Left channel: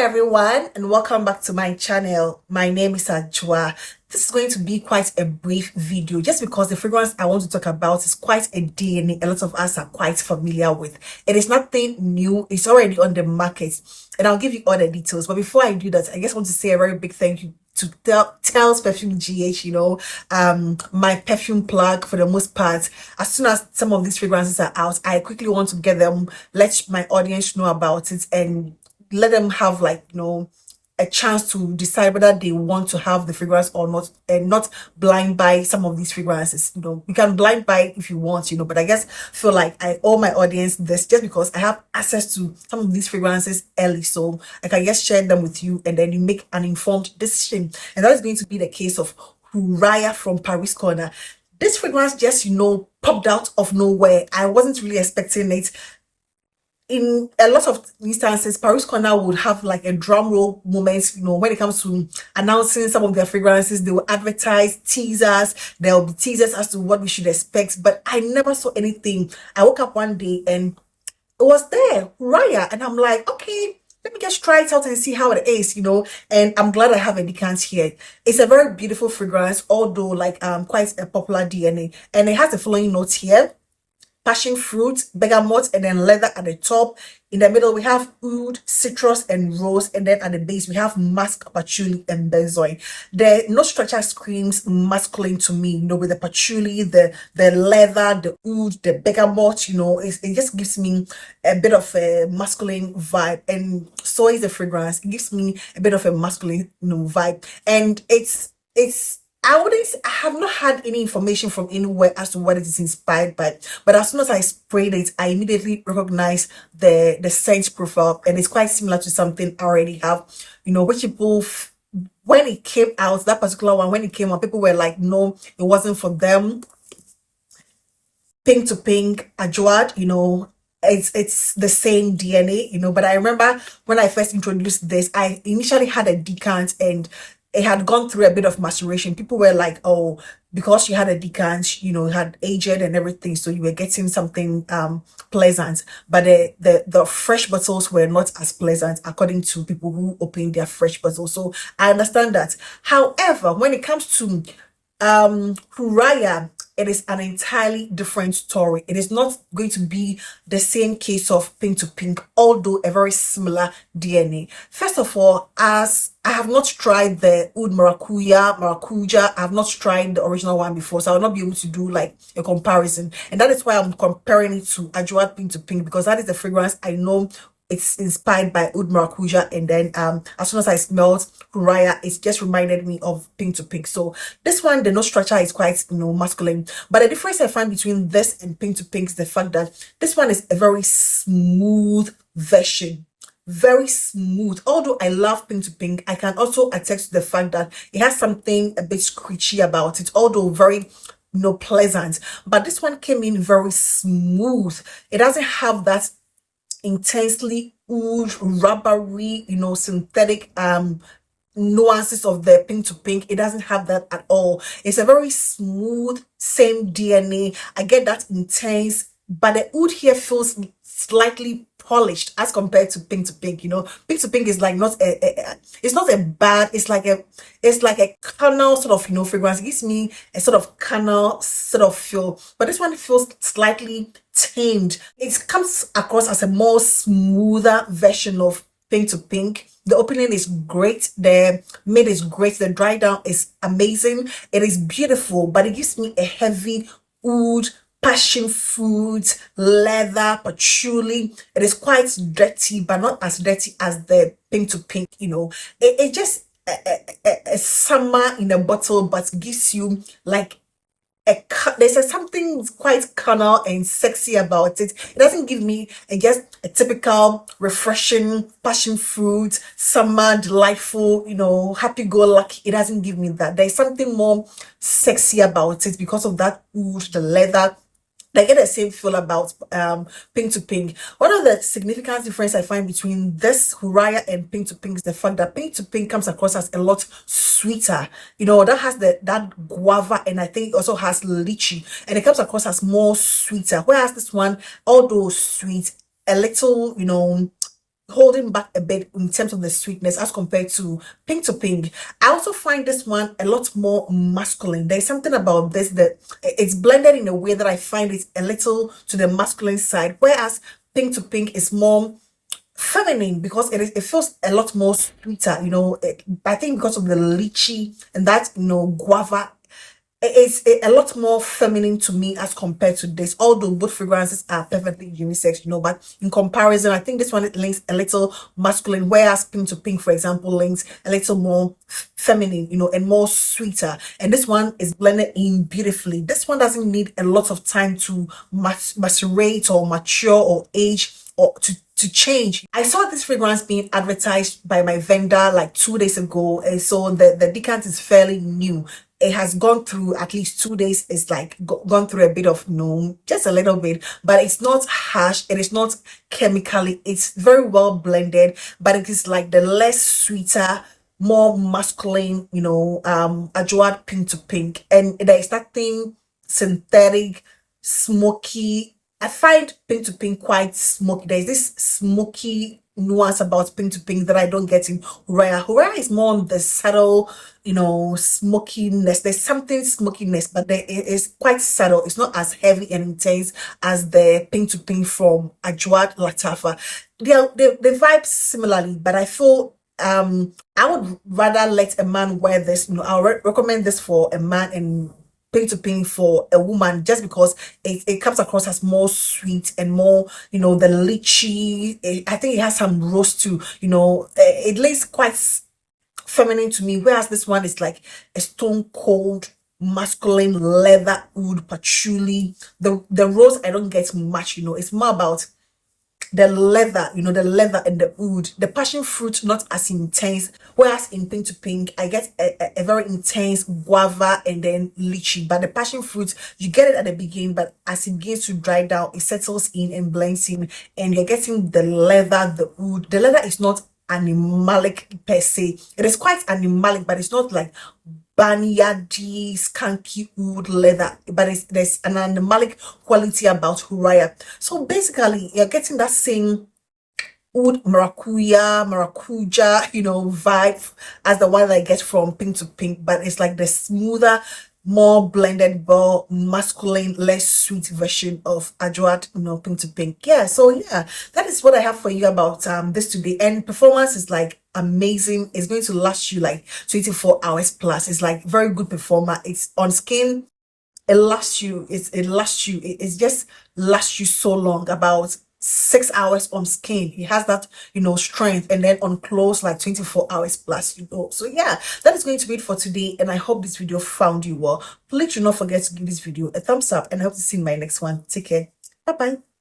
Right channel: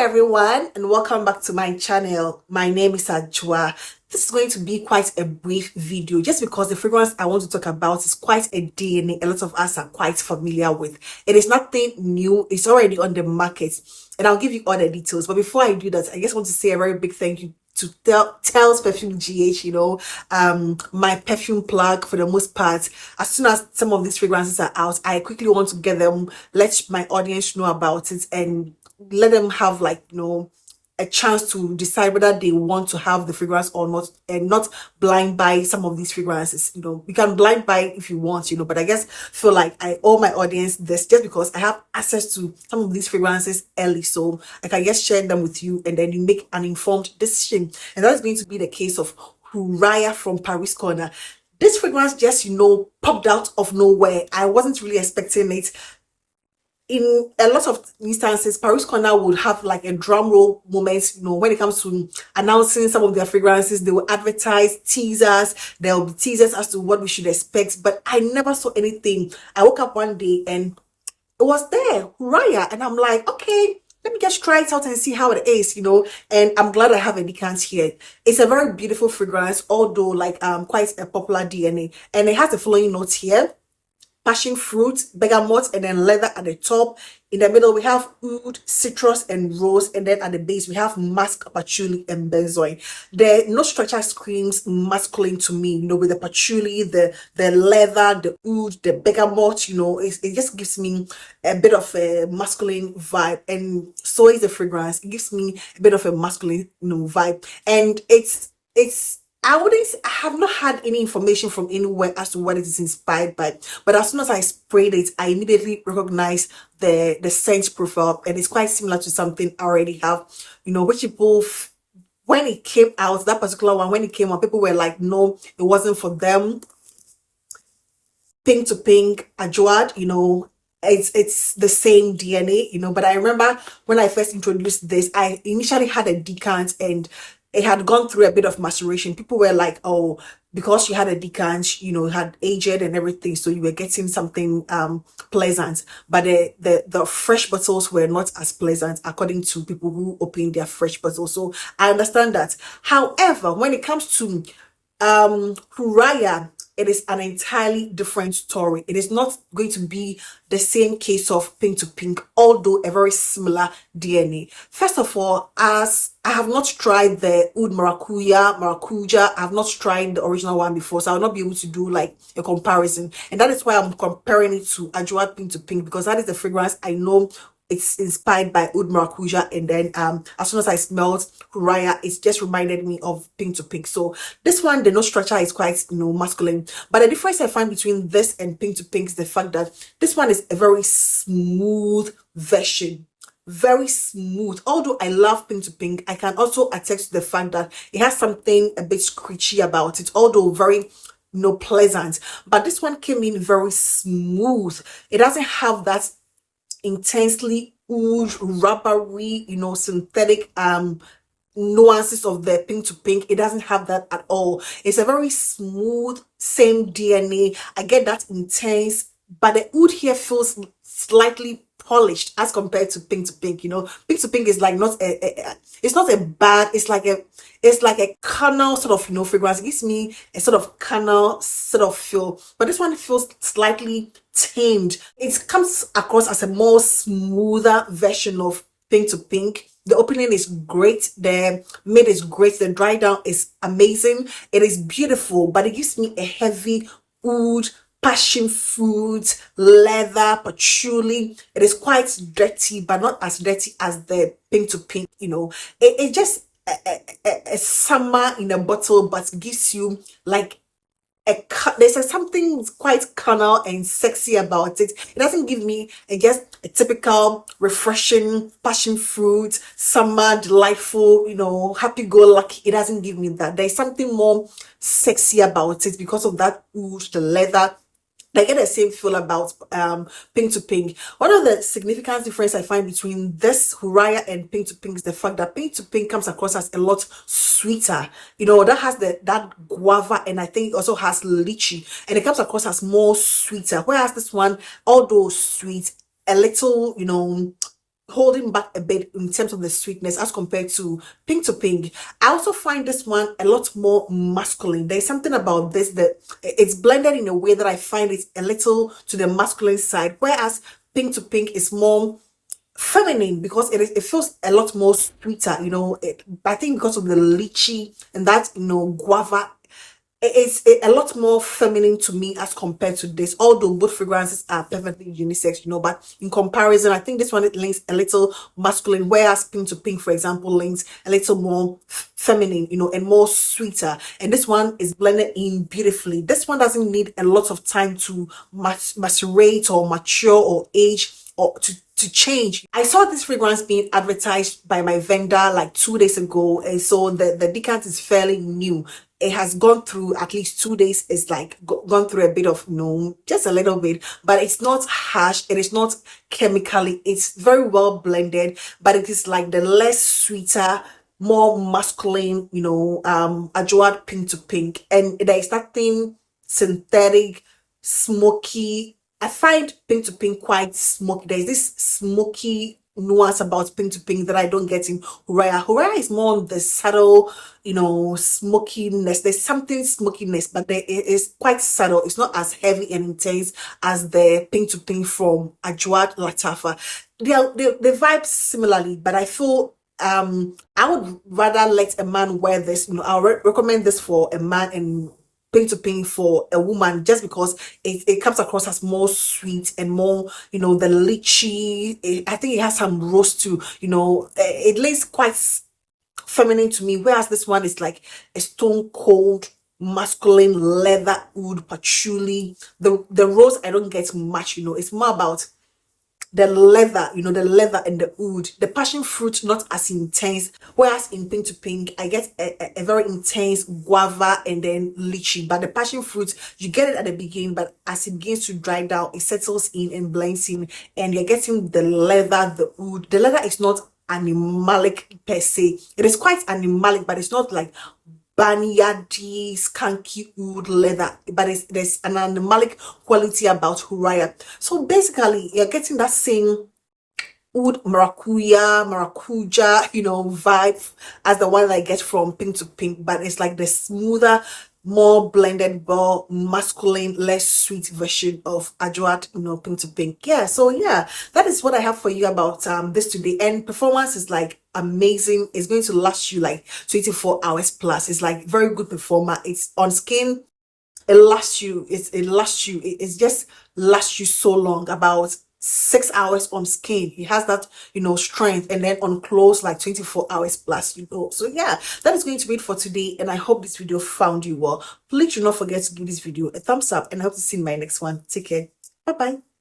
everyone, and welcome back to my channel. My name is Ajwa. This is going to be quite a brief video just because the fragrance I want to talk about is quite a DNA a lot of us are quite familiar with. It is nothing new. It's already on the market and I'll give you all the details. But before I do that, I just want to say a very big thank you to Tells Perfume GH, my perfume plug for the most part. As soon as some of these fragrances are out, I quickly want to get them, let my audience know about it and let them have a chance to decide whether they want to have the fragrance or not, and not blind buy some of these fragrances. You can blind buy if you want, but I guess feel like I owe my audience this just because I have access to some of these fragrances early, so I can just share them with you and then you make an informed decision. And that is going to be the case of Hurriya from Paris Corner. This fragrance just popped out of nowhere. I wasn't really expecting it. In a lot of instances, Paris Corner would have like a drum roll moment, when it comes to announcing some of their fragrances. They will advertise teasers. There will be teasers as to what we should expect, but I never saw anything. I woke up one day and it was there, Hurriya, and I'm like, okay, let me just try it out and see how it is, and I'm glad I have a decant here. It's a very beautiful fragrance, although quite a popular DNA, and it has the following notes here: passion fruit, bergamot, and then leather at the top. In the middle, we have oud, citrus, and rose. And then at the base, we have musk, patchouli, and benzoin. The note structure screams masculine to me, with the patchouli, the leather, the oud, the bergamot, it just gives me a bit of a masculine vibe. And so is the fragrance. It gives me a bit of a masculine, vibe. And I have not had any information from anywhere as to what it is inspired by, but as soon as I sprayed it, I immediately recognized the scent profile, and it's quite similar to something I already have, which people, when it came out, that particular one, when it came out, people were like, no, it wasn't for them. Pink to Pink, Ajwad, it's the same DNA, but I remember when I first introduced this, I initially had a decant and it had gone through a bit of maceration. People were like, oh, because you had a decant, you had aged and everything, so you were getting something pleasant. But the fresh bottles were not as pleasant, according to people who opened their fresh bottles. So I understand that. However, when it comes to Hurriya, it is an entirely different story. It is not going to be the same case of Pink to Pink, although a very similar DNA. First of all, as I have not tried the Oud Maracuja, I have not tried the original one before, so I will not be able to do like a comparison. And that is why I'm comparing it to Ajwad Pink to Pink, because that is the fragrance I know it's inspired by Oud Maracuja, and then as soon as I smelled Hurriya, it just reminded me of Pink to Pink. So this one, the note structure is quite masculine, but the difference I find between this and Pink to Pink is the fact that this one is a very smooth version. Very smooth. Although I love Pink to Pink, I can also attest to the fact that it has something a bit screechy about it, although very pleasant. But this one came in very smooth. It doesn't have that intensely oud, rubbery, synthetic nuances of the Pink to Pink. It doesn't have that at all. It's a very smooth, same DNA. I get that intense, but the oud here feels slightly polished as compared to Pink to Pink. Pink to Pink is like it's not a bad, it's like a carnal sort of fragrance. It gives me a sort of carnal sort of feel, but this one feels slightly tamed. It comes across as a more smoother version of Pink to Pink. The opening is great, the mid is great, the dry down is amazing. It is beautiful, but it gives me a heavy oud, passion fruit, leather, patchouli. It is quite dirty, but not as dirty as the Pink to Pink. It just a summer in a bottle, but gives you like there's something quite carnal and sexy about it. It doesn't give me just a typical refreshing passion fruit, summer, delightful, happy-go-lucky. It doesn't give me that. There's something more sexy about it because of that oud, the leather. I get the same feel about Pink to Pink. One of the significant difference I find between this Hurriya and Pink to Pink is the fact that Pink to Pink comes across as a lot sweeter. That has that guava, and I think it also has lychee, and it comes across as more sweeter. Whereas this one, although sweet, a little, holding back a bit in terms of the sweetness as compared to Pink. I also find this one a lot more masculine. There's something about this that it's blended in a way that I find it a little to the masculine side, whereas Pink is more feminine because it feels a lot more sweeter, I think because of the lychee and that, guava. It's a lot more feminine to me as compared to this, although both fragrances are perfectly unisex, but in comparison, I think this one it links a little masculine, whereas Pink, for example, links a little more feminine, and more sweeter. And this one is blended in beautifully. This one doesn't need a lot of time to macerate or mature or age or to change. I saw this fragrance being advertised by my vendor like 2 days ago, and so the decant is fairly new. It has gone through at least 2 days. It's like gone through a bit of just a little bit, but it's not harsh. It is not chemically. It's very well blended, but it is like the less sweeter, more masculine, Adjoad Pink, and there is that thing synthetic, smoky. I find Pink quite smoky. There's this smoky nuance about Pink that I don't get in Hurriya. Hurriya is more on the subtle, smokiness. There's something smokiness, but it is quite subtle. It's not as heavy and intense as the Pink from Adjoad Latafa. They vibe similarly, but I feel I would rather let a man wear this. I'll recommend this for a man and Pink for a woman, just because it comes across as more sweet and more, the lychee. I think it has some roast too, it lays quite feminine to me, whereas this one is like a stone cold masculine leather oud patchouli. The rose I don't get much, it's more about the leather, the leather and the oud. The passion fruit not as intense, whereas in Pink I get a very intense guava and then lychee. But the passion fruit, you get it at the beginning, but as it begins to dry down, it settles in and blends in, and you're getting the leather, the oud. The leather is not animalic per se. It is quite animalic, but it's not like barnyardy, skanky oud leather, but there's an animalic quality about Hurriya. So basically, you're getting that same oud maracuja, vibe as the one that I get from Pink, but it's like the smoother, more blended, more masculine, less sweet version of Adjoad, Pink. Yeah, so yeah, that is what I have for you about this today. And performance is like amazing. It's going to last you like 24 hours plus. It's like very good performer. It's on skin. It lasts you. It just lasts you so long, about 6 hours on skin. He has that, strength, and then on clothes like 24 hours plus, So yeah, that is going to be it for today, and I hope this video found you well. Please do not forget to give this video a thumbs up, and I hope to see you in my next one. Take care. Bye bye.